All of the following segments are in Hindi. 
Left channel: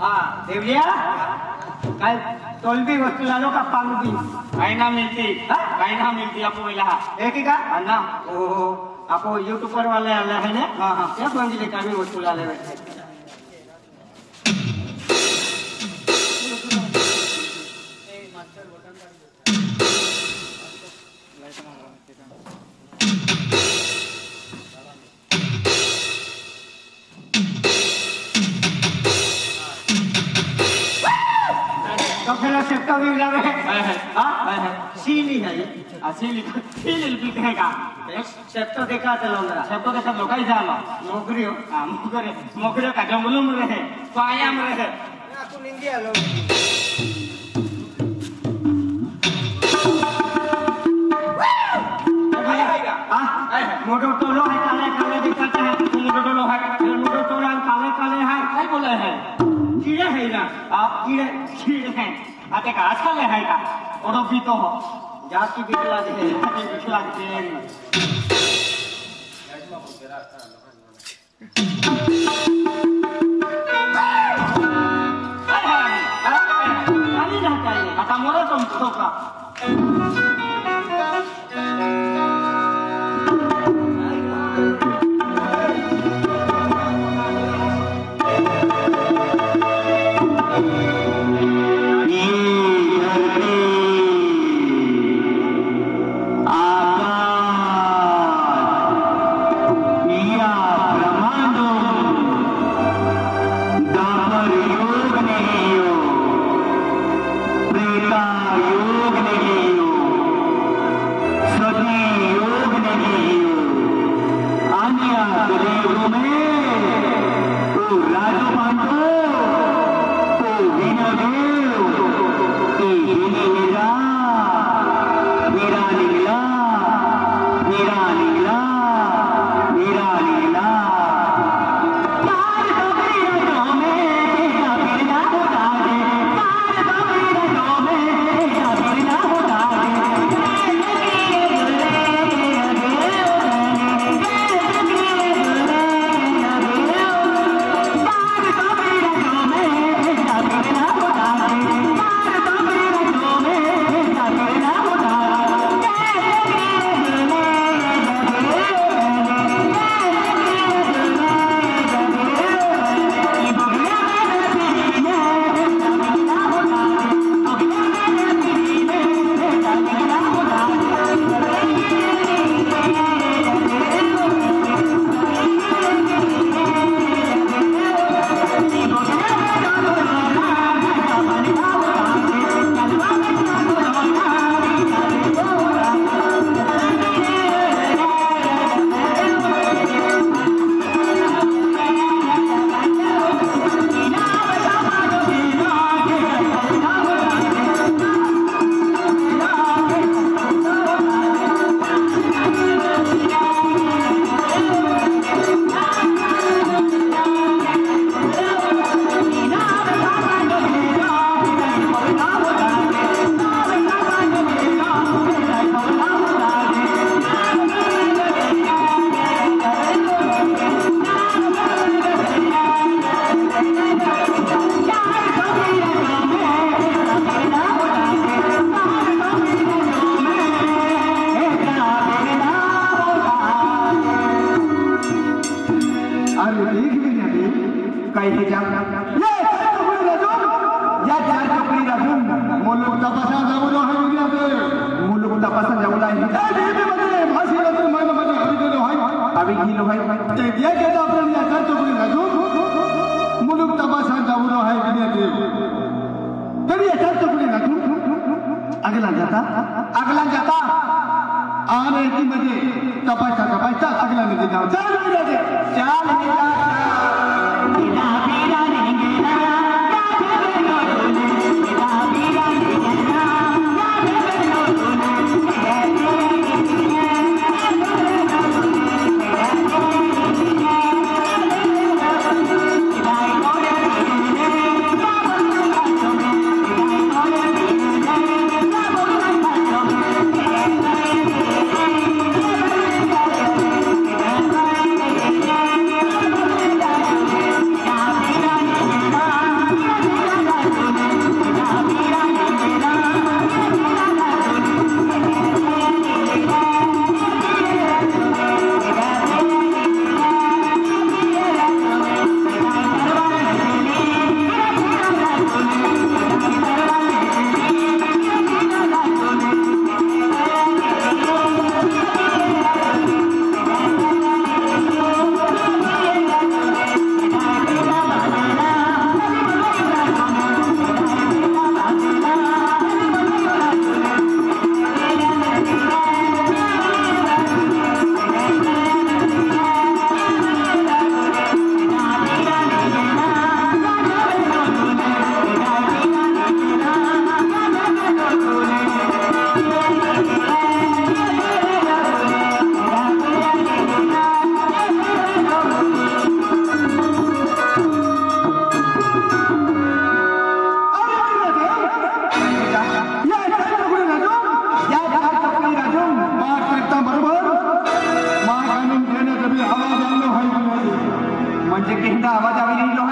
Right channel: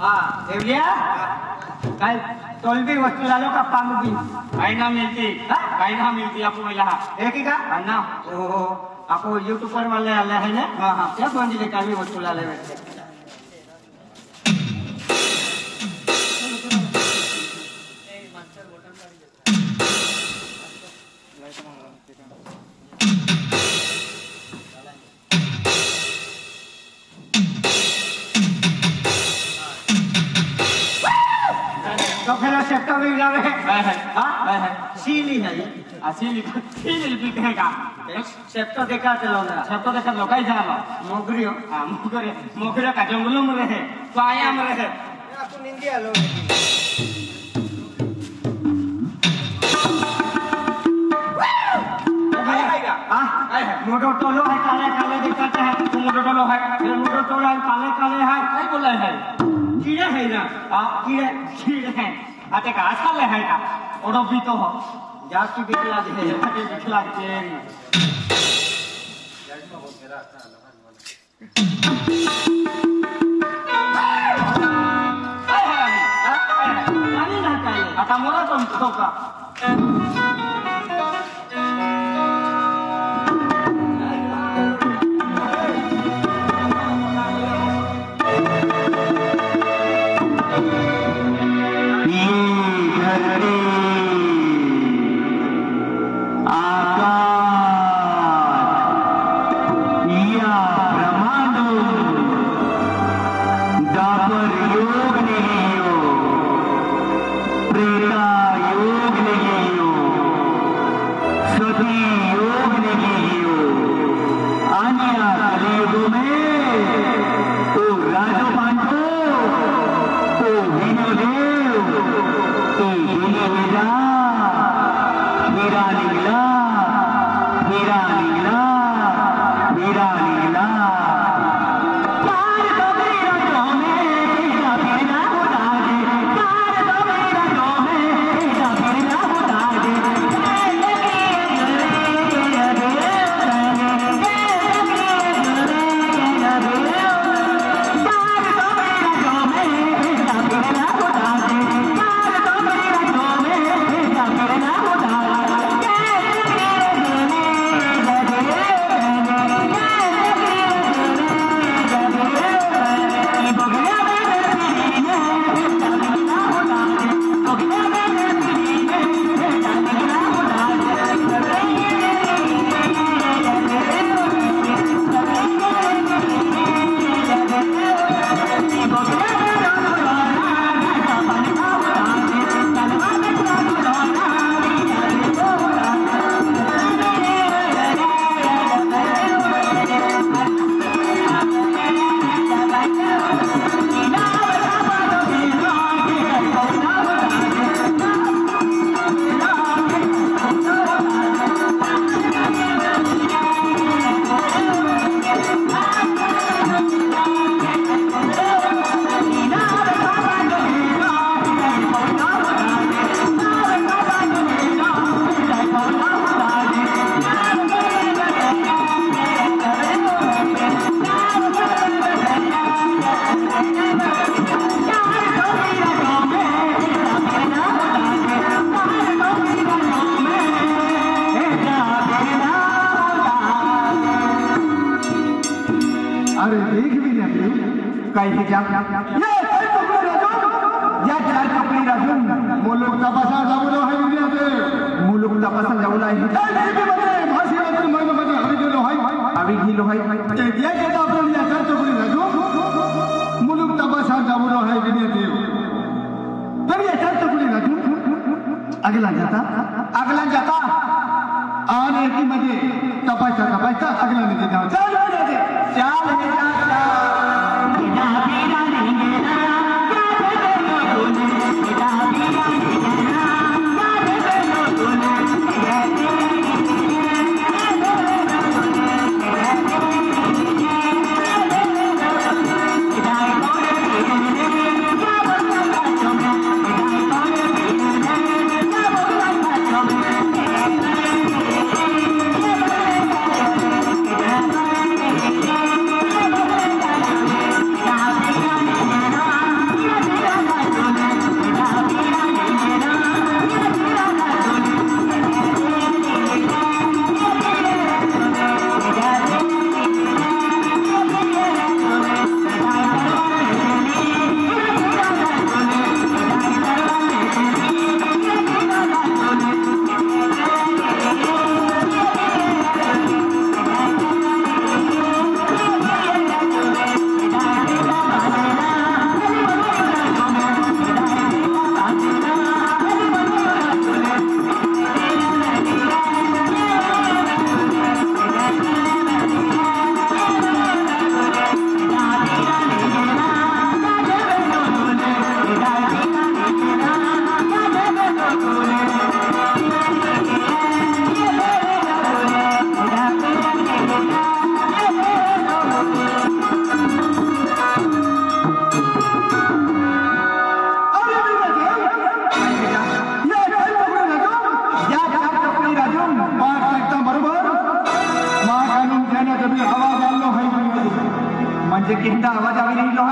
हाँ देवलिया कल तोलबी वस्तु लालो का पांगबी ना मिलती आपको मिला एक ही का ना ओ आपको यूट्यूबर वाले आले हैं ना हाँ हाँ क्या पंजली का भी वस्तु लाले बैठे सीली है सीली बिकेगा सेट तो देखा चलो लोकाई जाला मोगरियो हां मोगरियो का जंगलों में रहे पाया में रहे आपको निंदिया लोग मोटो टोलो है काले काले दिखाते हैं मोटो टोलो है मोटो टोलो काले काले है काय बोला है कीड़े है ना आप कीड़े हैं आते का आजकल है का और भी तो जात की बिकला दे बिकला दे ना चाहिए आता मोला तुम का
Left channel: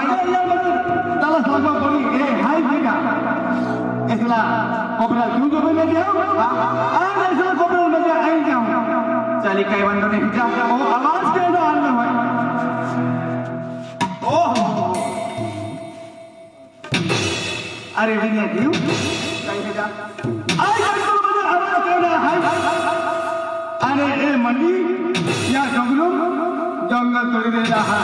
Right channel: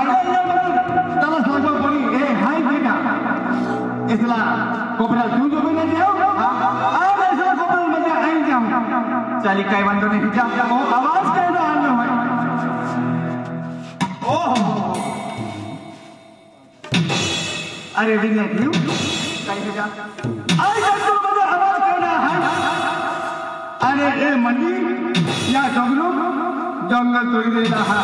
त्याला सांगा बरी हे हाय ना इसला कोपऱ्यात घेऊन झोपे नाही देव आज असं कपल मध्ये आई जाऊ चाली काय म्हणतो नाही जा आवाज काय आणलं ओ अरे विनय देव काय जा आई जंगल मध्ये आवाज काय हाय अरे ए मंदी या जंगल तोडी दिला हा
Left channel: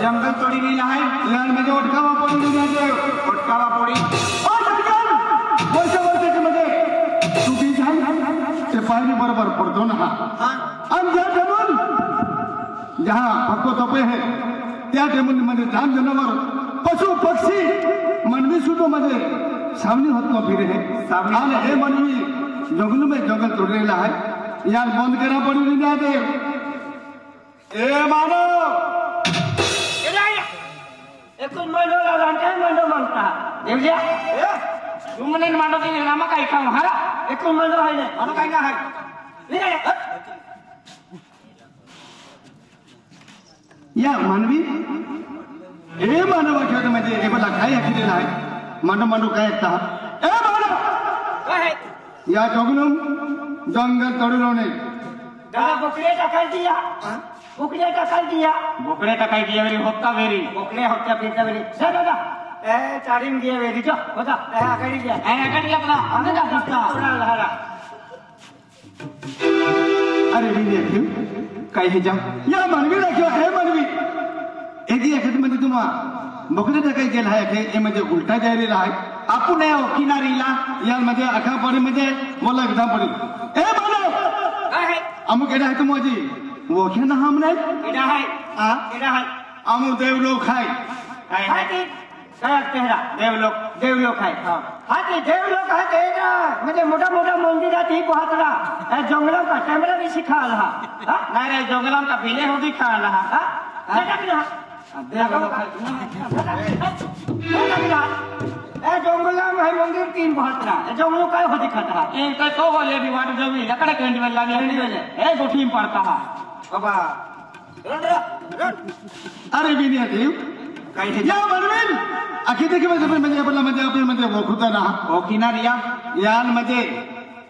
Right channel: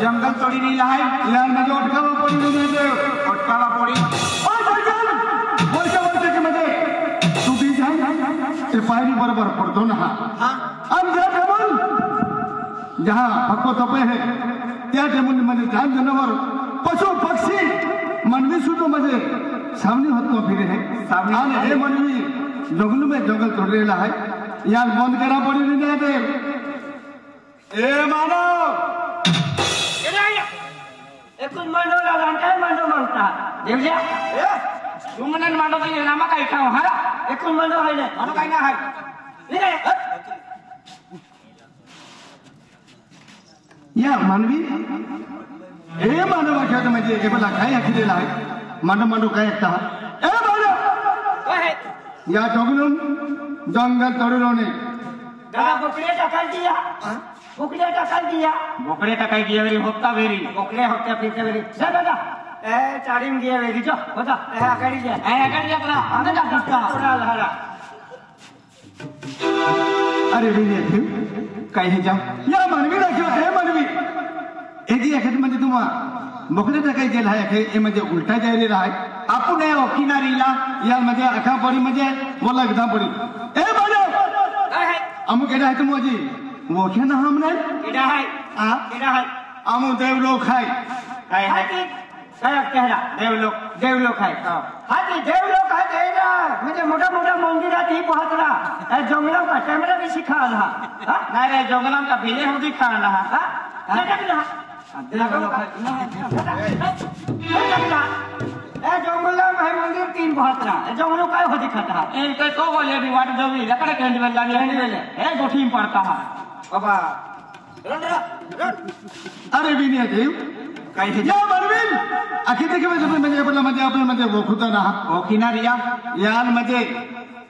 जंगल तोड़ी नहीं लहाई यार मुझे उठकावा पड़ी नहीं दे उठकावा पड़ी और वर्ष के मध्ये तू भी जान सिपाही बरोबर पडतो ना हाँ हम ज्या टेबल जहाँ पक्को तोपे है त्या टेबल मध्ये जान जनावर पशु पक्षी मानवी सुद्धा मध्ये सामने होत फिरे है सामने हे मानवी जंगल में जंगल तोड़ रहा है यार बंद करा पड़ी नहीं दे ए मानो एकूण मांडवला काय मांडव मागता देवल्या तुमनं मांडव की नामा काय खाऊ हा एकूण मांडव आहे ना मला काय ना हाय या मानवी हे मानवाच्या म्हणजे हे बघा काय ऐकलेलं आहे मानव काय ऐकता ए मानव काय या जंगलून जंगल तोडलो नाही दादा बोकड्या टाकाय दिया बोकड्या टाकाय दिया बोकडे टाकाय की वेरी होता वेरी बोकड्या होत्या पिता वेरी जा दादा ए चाडीन गे वेरी जो होता ए आगाडी घ्या ए आकडे घे बघा अंदर जा बसता थोडा लहारा अरे विनय काय हे जा या मानवी राखो हे मानवी एकी एखाद मध्ये तुम्हा बोकडे टाकाय गेला आहे हे म्हणजे उलटा जायलेला आहे आपण या किनारीला यामध्ये आखापरीमध्ये बोला एकदम पडी ए मानव काय अमुक एडा है तुम जी वो क्या ना हमने एडा है हां एडा है अमुक देव लोग है काय है काय कहरा देवलोक है हां ते देवलोक है तेरा म्हणजे मोठा मोठा मंदिरात ही पोहतला ए जंगलात का कॅमेरा भी सिखा रहा नाही रे जंगलात का बेले होती खाला हा ए जंगला में मंदिर तीन पोहतला जंगल काय होती खाता ए ते को बोले नी वाट जमी लकडे कंड में लाने ए गोठी में पड़ता हा बाबा अरे विनय देव काय हे या मानवीन अखिती किंवा तुम्ही म्हणजे आपल्या मध्ये ओळखता ना ओ किनारिया यांमध्ये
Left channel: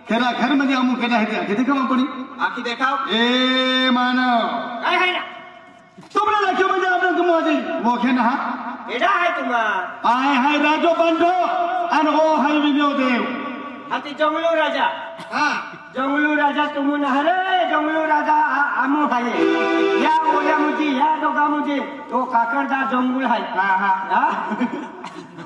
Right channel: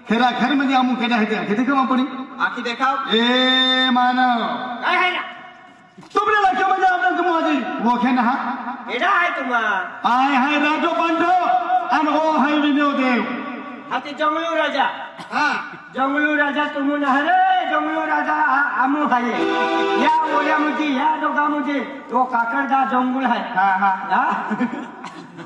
खरा खर मध्ये अमुक केले आहे अखिती किंवा आपण आखी देखाव ए मानव काय है ना तुमने लक्ष्य मध्ये आपण तुम्ही वो क्या ना एडा है तुम्हा आय हाय राजो बांधो आणि हो हाय विनय देव हाती जंगलू राजा हां जंगलू राजा तुम्ही नहरे जंगलू राजा आमू आहे या बोले मुझे या दोगा मुझे वो काकड़दा जंगल है हां हां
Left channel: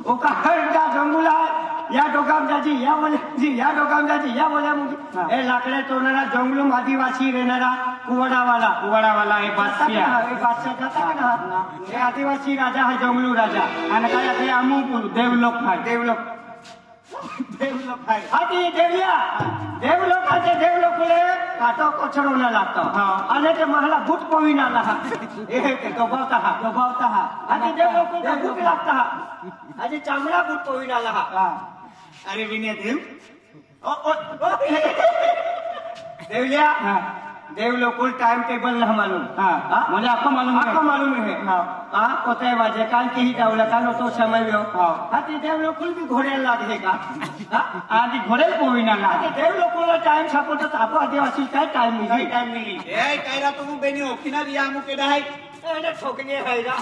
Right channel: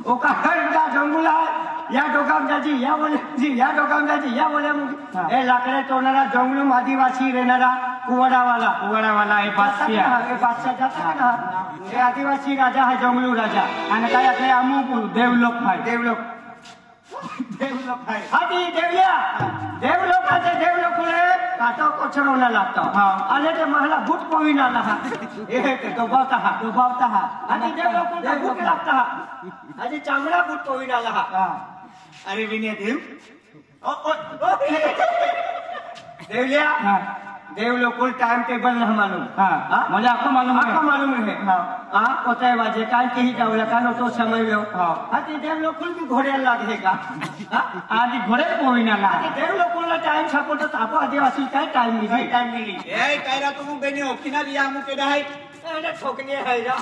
वो काकड़दा जंगल है या दोगाम जाजी या बोले जी या दोगाम जाजी या बोले मुझे ए लाकडे तोडणारा जंगलूम आदिवासी रहणारा कुवाडावाला ए बादशिया बादशाह जाता ना हे आदिवासी राजा है जंगलू राजा आणि काय ते अमुक देवलोक हाय देवलोक आहे हाती देवलोकाचे देवलोकुले काटो कोचरवला लागतो आणि ते मला भूत पोविना ना हे ते दोबावता हा आणि देवलोकुले भूत लागता आणि चामडा भूत पोविना ला अरे विनय देव देवलिया देवलोकुल टाइम टेबल न मालूम म्हणजे आपको मालूम है होता है वाजे कान के ही जावला कान तो समय हो हाती देवलोकुल भी घोड्याला लागे का आधी घोडे पोविनाला देवलोकुल टाइम सपोर्ट तापो आदिवासी काय टाइम मिली ए कायरा तुम बेनी ओखिना रिया मुके दहाय एडा ठोकने है रा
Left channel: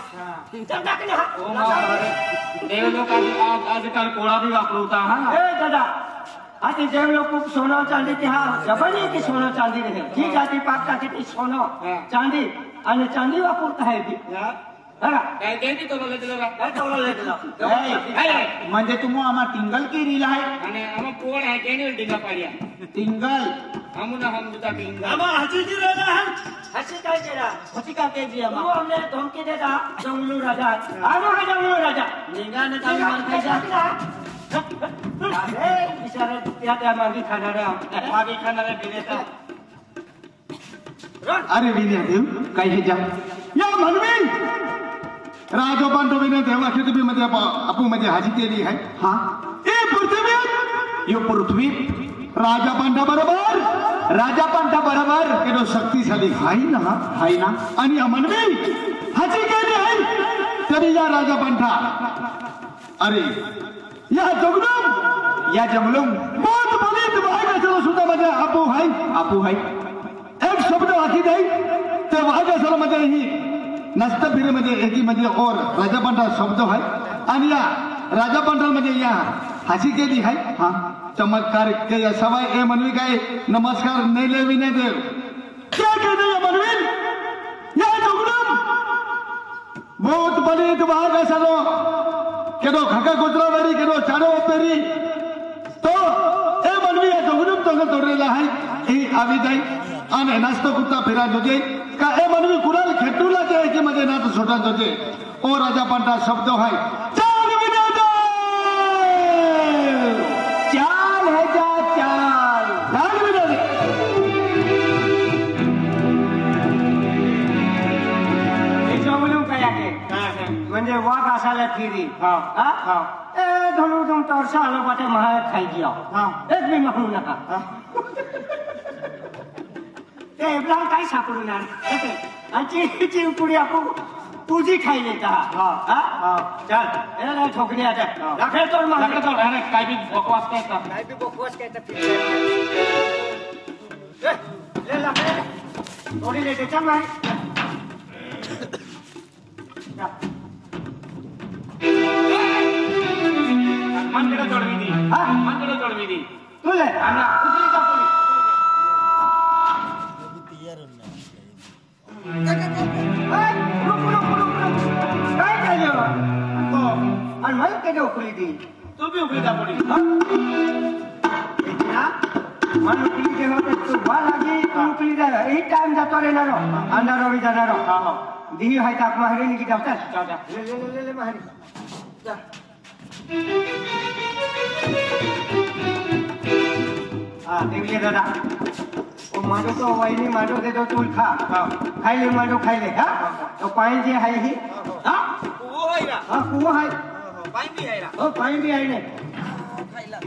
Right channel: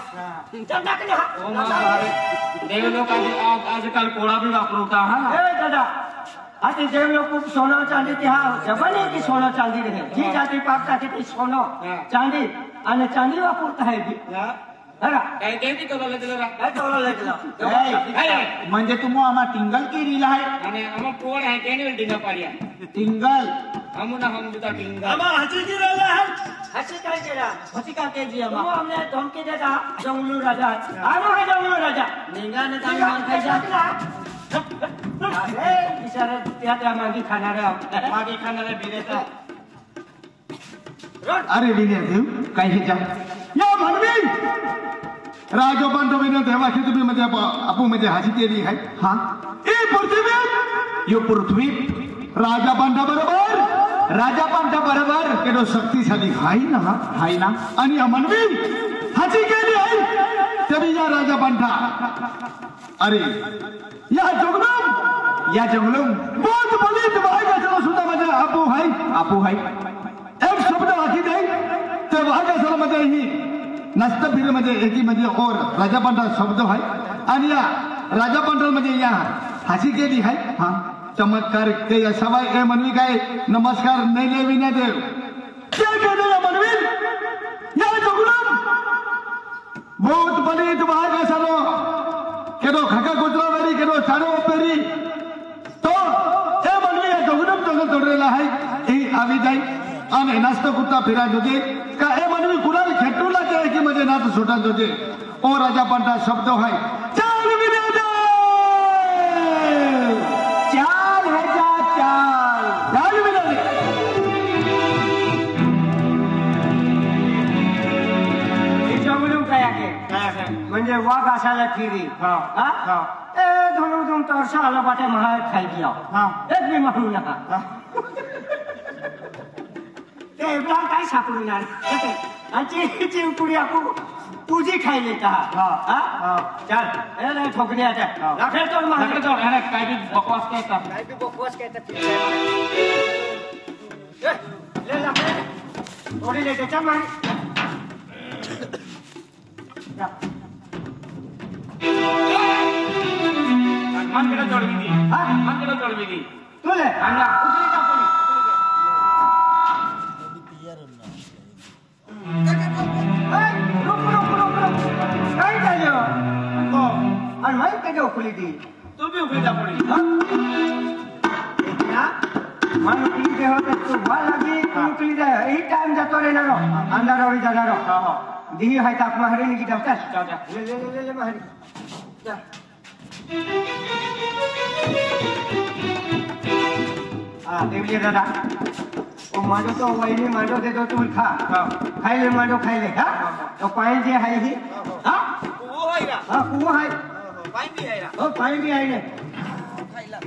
चंदा के देवलोक आजकाल कोळा भी वापरता हा ए दादा आती देवलोक सोना चांदी की हा जबन है की सोना चांदी रहे जी जाती पाप जाती की सोना चांदी आणि चांदी वापरता है बघा काय केंती तोलले दिलं काय तोलले दिलं म्हणजे तुम्ही आम्हा टिंगल की रील आहे आणि आम्हा पोड आहे केने डिंगा पाडिया टिंगल हमना हम जुता टिंगा आम्हा हसी की राजा है हसी काय केला हसी का केजी तुम आम्हा हमने धमकी देता जंगलू राजा आम्ही हा जंगलू राजा निगाने काय खायचा अरे बिचारे त्या मागे खाणारे मागे खाणारे बिलेता अरे विनय देव काय हे जा या म्हणवी राजोबांडवीने देवाच्या तुम्ही आपू मध्ये हाजी केली आहे हा ए पृथ्वी यो पृथ्वी राजा पांडा बरोबर केलो शक्तिशाली हाय ना आणि या म्हणवी हाजी केली आहे तेबिया राजा पंथा अरे या जंगलम बहुत बड़ी दवाई का चलो सुना मजे आपू है एक शब्द आखी दे ते वहां का चलो मजे ही नष्ट फिर मध्ये एकी मध्ये और राजा पंथा शब्द है आणि या राजा पंथा मध्ये या हसी केली है हाँ चमत्कार के या सवाई ए मनवी काय नमस्कार नेले विना देव क्या कहते हैं मनवी या जंगलम बहुत बड़ी दवाई का चलो केदो खका कुत्रावरी केदो चारो पेरी तो ए मनवी जंगलम जंगल तोडलेला आहे हे आवी जाई आणि नास्त कुत्ता फिरत होते का ए मनवी कुणाला खेटूला ते की मध्ये नात सुटत होते ओ राजा पंथा शब्द आहे चाल विना दे चाल है जा चाल चाल विना दे हे जंगलून काय आहे म्हणजे वाघ असायला फिरी हा ए धरून तोरसा आला बाटे महा खाई दिया एक भी माहू ना ते एवढा काय सापडून आणि चिमकुडी आपू पूजी खाई लेता चल ए ठोकरी आता राखेल तो मागे तो काय बी बकवास कहता ले लाखे थोड़ी लेते चल मारी मनकडे जोडवी दी तुले अन्ना उतरी का पुली काय झालं आणि मला कधी उकली ती तू भी उकली का पुली मन उकली के होते तू बा लगी तू उकली जाए यही टाइम जातो रे ना अंधारावरी जाणार दी है ताप महारी निकी जाता ले महारी जा देवलिया दादा ओ मारो तो वाईनी मारो दे दो तुम खा खाई ले मारो खाई ले हा तो पानी जे है ही हा वो आएगा हाँ कुआ है पानी भी आएगा ओ पानी भी आई ने खाई ला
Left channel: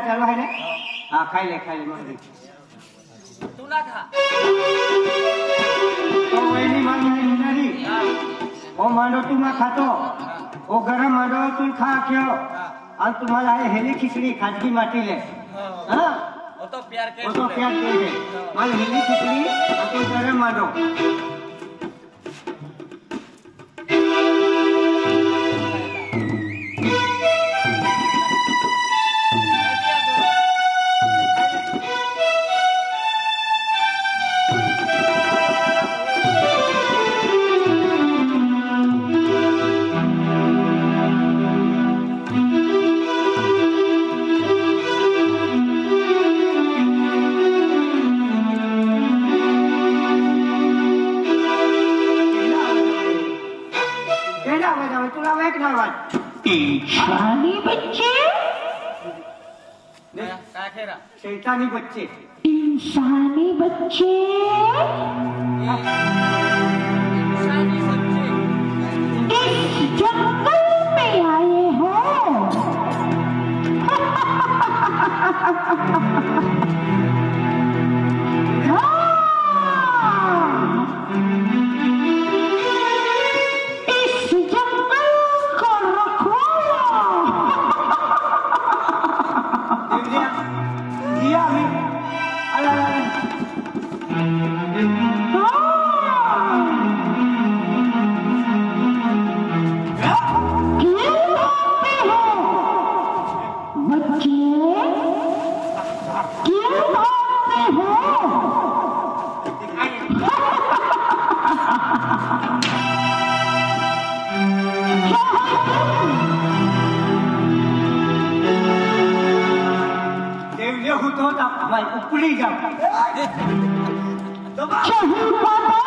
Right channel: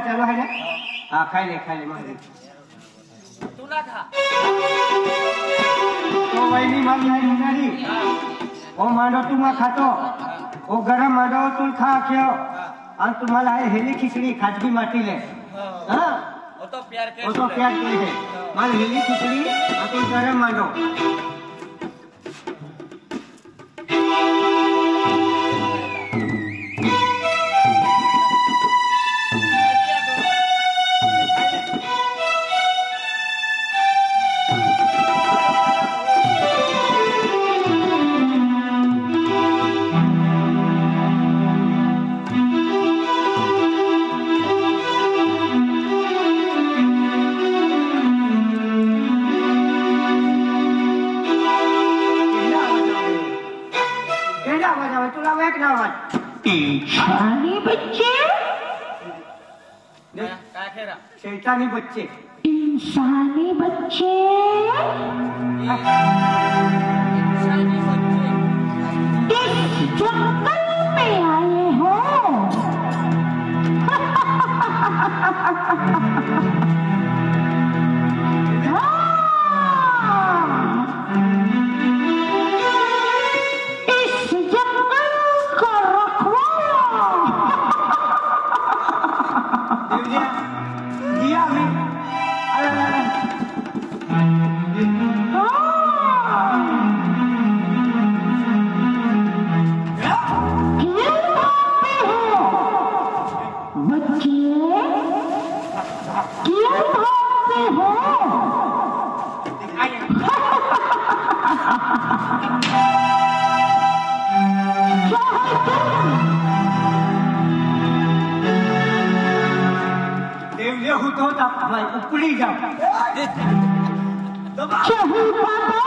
चालू है ना हाँ खाई ले मारी तू ना खा तो वही मार नारी वो मांडो तुम्हा खातो वो गरम मांडो तुम खा क्यों और तुम्हाला आहे हेली खिचडी खाजगी माटीले हाँ वो तो प्यार के वो तो प्यार के है मान हेली खिचडी और तुम गरम मांडो शैतानी बच्चे इंसानी बच्चे इस जंगल में आए हो इस जंगल को रखवाला दिया मैं भाई उपड़ी जा तो कहीं बाबा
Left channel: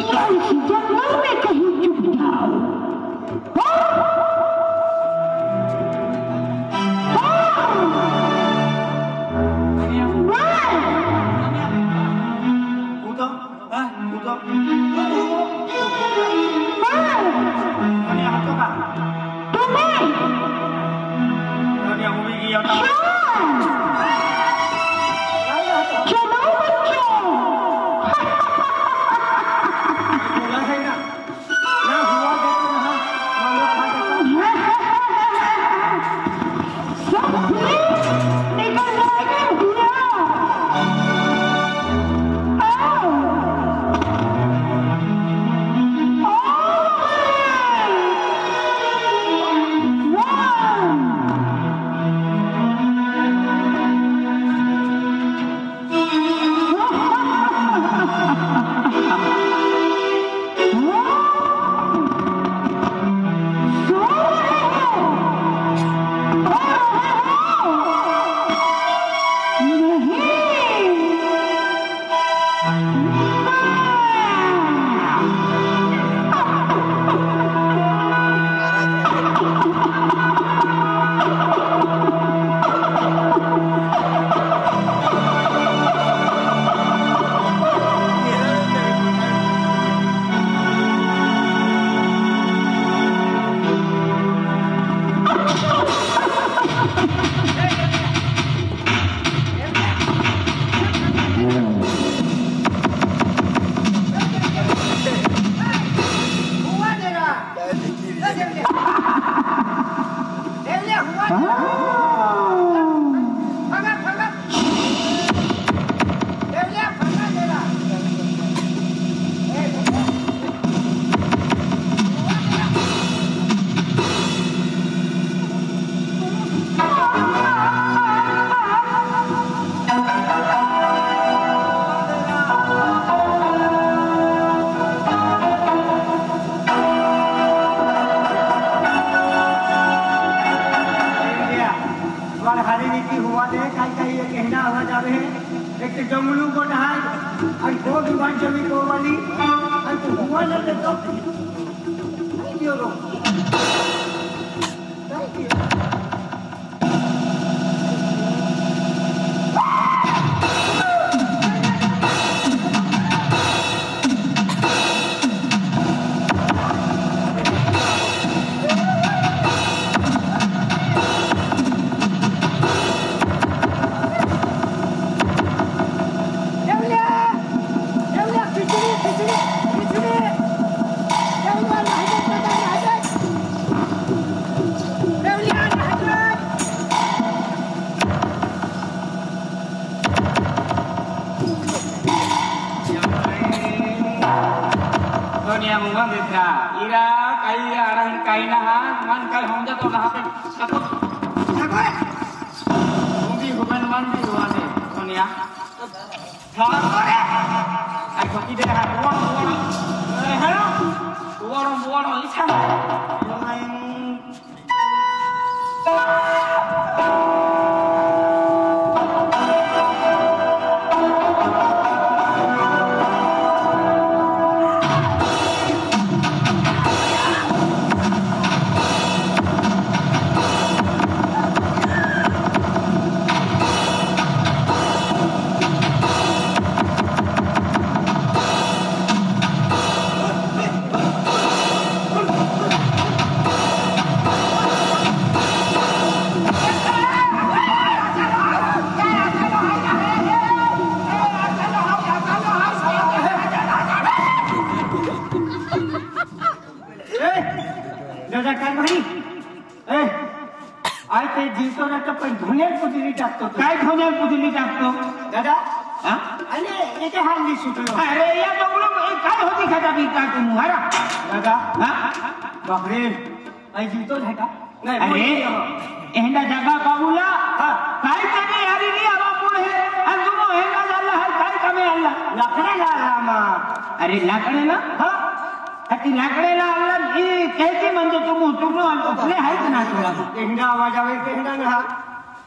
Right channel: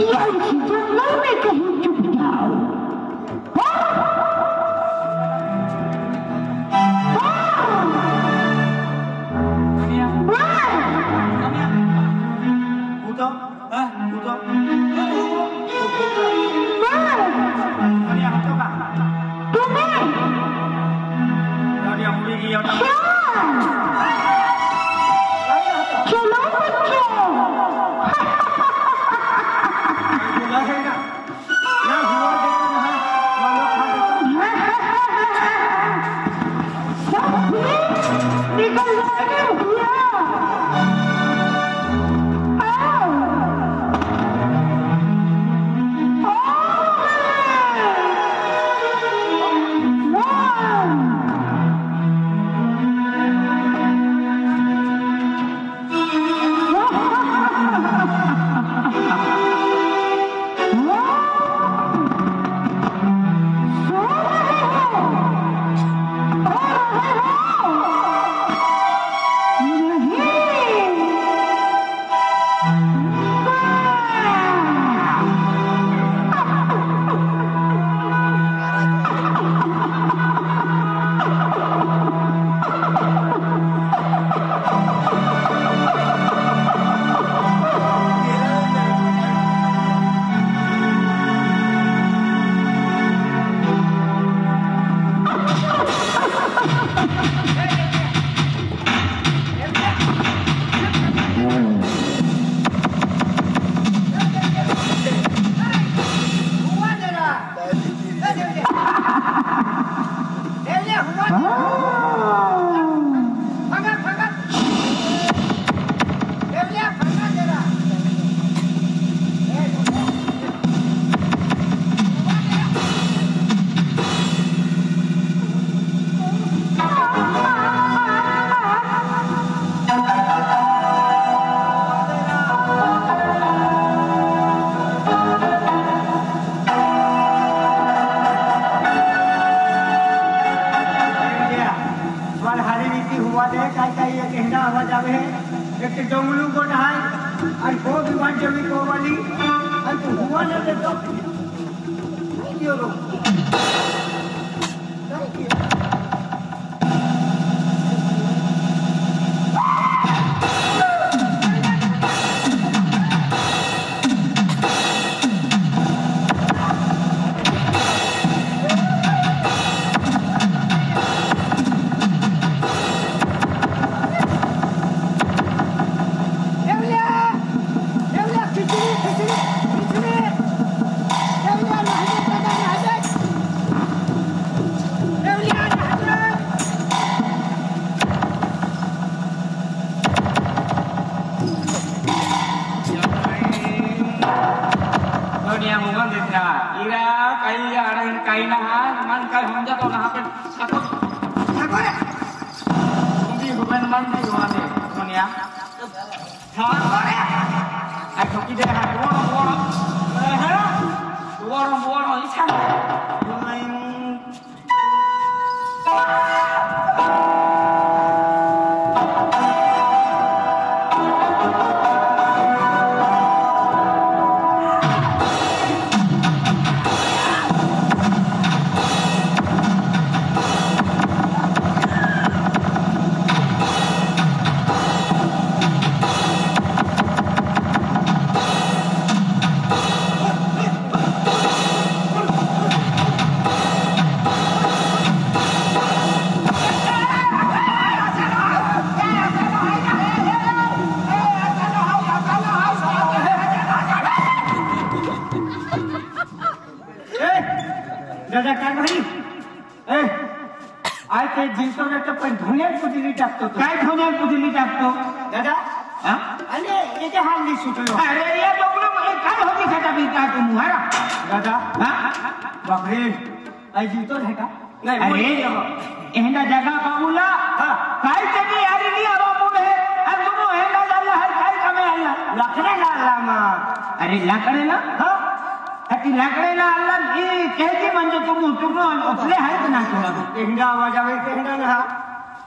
या इस जंगल में कहीं छुप जाओ।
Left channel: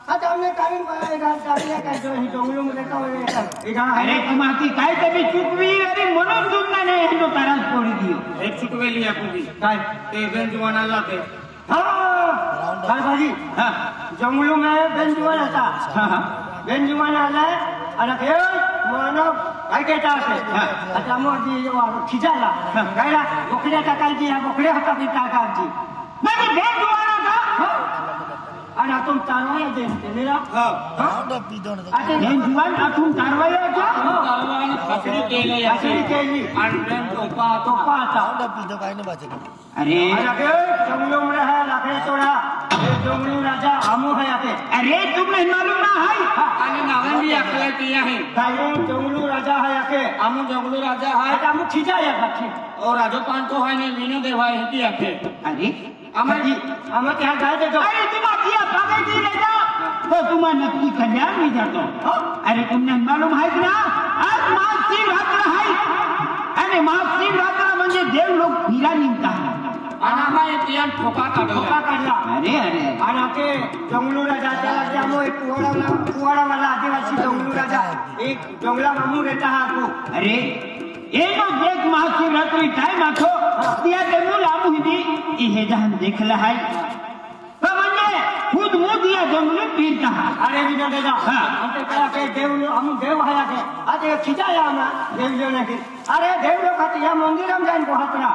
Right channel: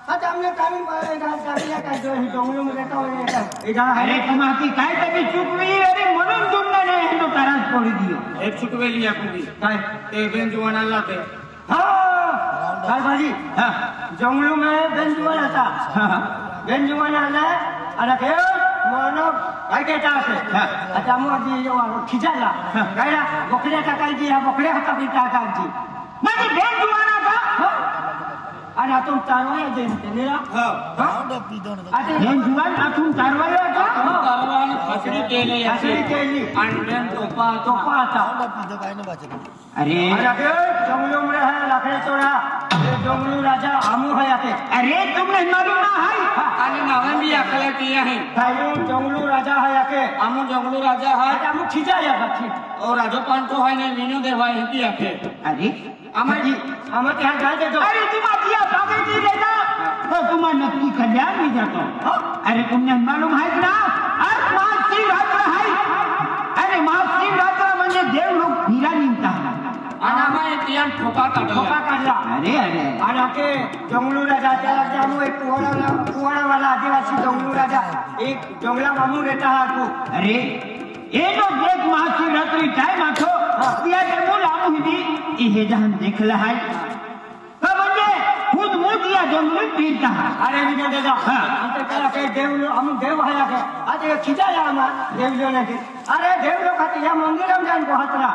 आता हमने काही गाडीला काय जो ही डोंगरामध्ये रहता होय अरे तुम्हारी काय तरी चुकवी अरे म्हणून तुमने ने हिंदू तारास पोरी दी एक चुकवेली या तुम्ही काय ते बेंजुवानाला ते हाँ भाजी हां जंगलों में बेंजुवान रहता हां बेंजुवान आले आणि हे मानव काय कहता है आता मग ये खिजाला काय ना बोकडे टाकायची हा बोकडे हाता बी टाकायची माझी भेट जुवाना का आणि आतून तारवाया देते निरा आता भेट जुवान आतून तारवाया का तारवान फासडी केली आणि बेन तोपा आता अरे जंगलों में है लाकड़े तोड़ा ये जंगलू राजा हमू है आते अरे तुम्हें मालूम ना है आणि नावन भी अकल किया है भाई जंगलू राजा है आके हमू जंगलू राजा है हमू खिजा या बाकी और राजो पांतो है ने मीनो देवा है की आके अरे हमें क्या गाय दे दो अरे तुम्हारी पागल की बेटा तो तुम्हें नक्की खजान नहीं जाता अरे तुमने मालूम है कि ना आज महाशिवरात्र है अरे महाशिवरात्र म्हणजे देव लोक हिरा निघता आणि आम्हाला तियान ठोका काढला अरे अरे आणि आके जंगलू राजा त्याला जामो एक कुवाड़ा वाला आदिवासी जंगलू राजा एक जंगला मामू रहता है को अरे ये लोग देख महाशिवरात्रि टाइम आखो तिया के मोल आमू हिदी इहे जहां देखला है तो म्हणजे खुद मोदिया जंगल पीरता अरे विजय दादा इथे काय के देव हम देव है आके आज खिजाया आम्हा देव जो ने अरे देव लोक या मंदिरात जाईन को हातरा